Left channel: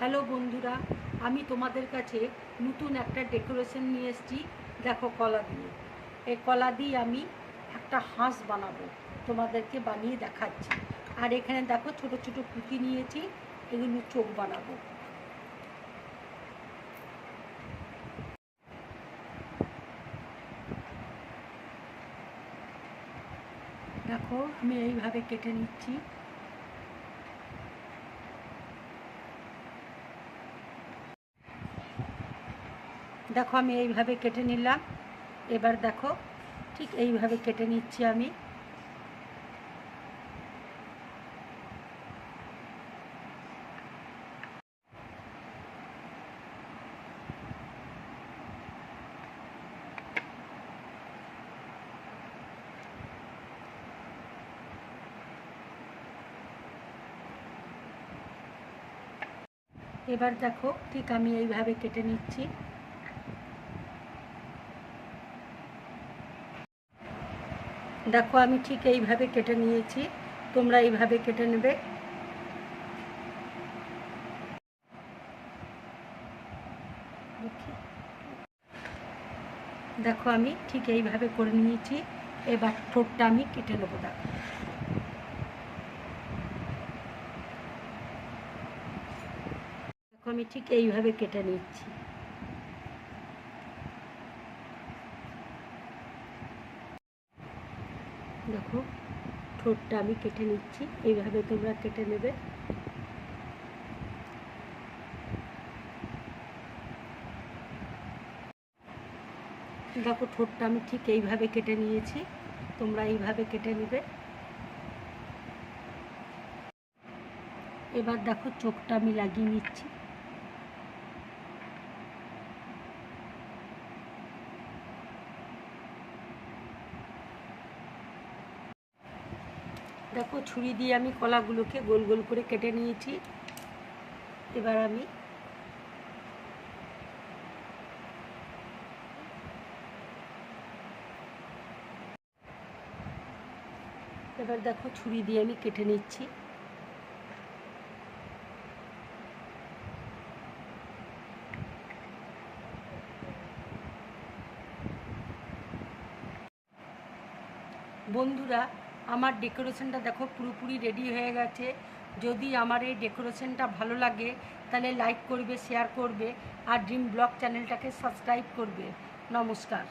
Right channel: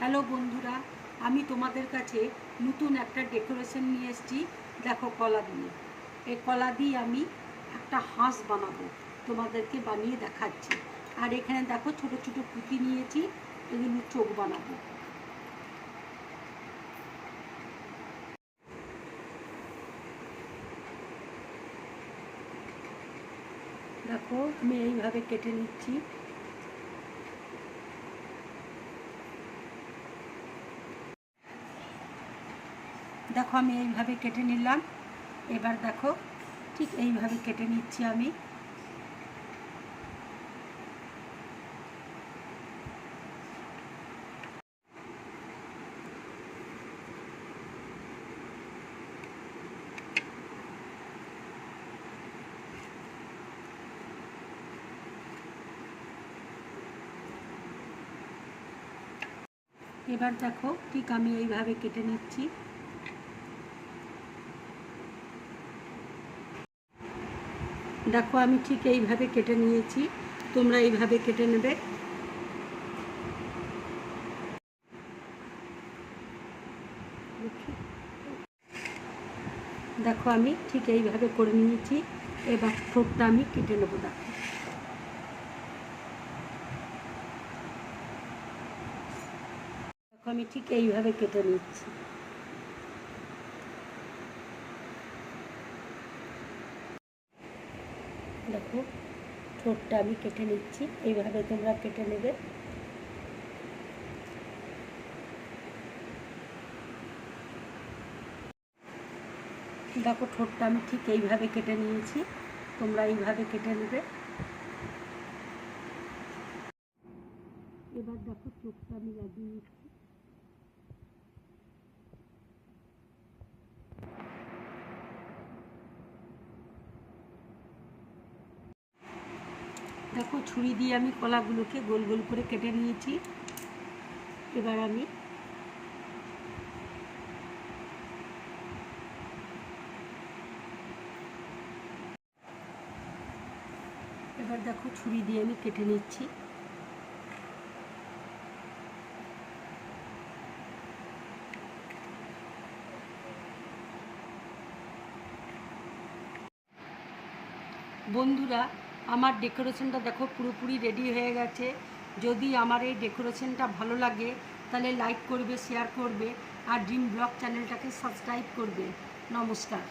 Hello বন্ধুরা, আমি তোমাদের কাছে নতুন একটা ডেকোরেশন নিয়ে এসেছি। দেখো, কলা দিয়ে, এই কলা দিয়ে আমি একটা হাঁস বানাবো, তোমাদেরকে বানিয়ে দেখাচ্ছি। আর এখানে দেখো ছোট ছোট পুঁতি নিয়েছি, এগুলো চোখ বানাবো। দেখো, আমি এইভাবে কেটে নিচ্ছি। দেখো, আমি এইভাবে কেটে নিলাম। এবার দেখো, ঠিক এইভাবে কেটে নিচ্ছি আমি। এবার দেখো, ঠিক আমি এইভাবে কেটে নিচ্ছি। দেখো, আমি ঠিক এইভাবে কেটে নিয়েছি, তোমরা এইভাবে কেটে নেবে। দেখো, আমি ঠিক এইভাবে করে নিয়েছি। এবার ঠোঁটটা আমি কেটে নেবো। দেখো, আমি ঠিক এইভাবে কেটে নিচ্ছি। দেখো, ঠোঁটটা আমি কেটে নিচ্ছি, এইভাবে তোমরা কেটে নেবে। দেখো, ঠোঁটটা আমি ঠিক এইভাবে কেটে নিয়েছি, তোমরা এইভাবে কেটে নেবে। এবার দেখো, চোখটা আমি লাগিয়ে নিচ্ছি। দেখো, ছুরি দিয়ে আমি কলাগুলোকে গোল গোল করে কেটে নিয়েছি। এবার আমি দেখো, ছুরি দিয়ে আমি কেটে নিচ্ছি। বন্ধুরা, আমার ডেকোরেশনটা দেখো পুরোপুরি রেডি হয়ে গেছে। যদি আমার এই ডেকোরেশনটা ভালো লাগে তাহলে লাইক করবে, শেয়ার করবে, আর ড্রিম ব্লগ চ্যানেলটাকে সাবস্ক্রাইব করবে। নমস্কার।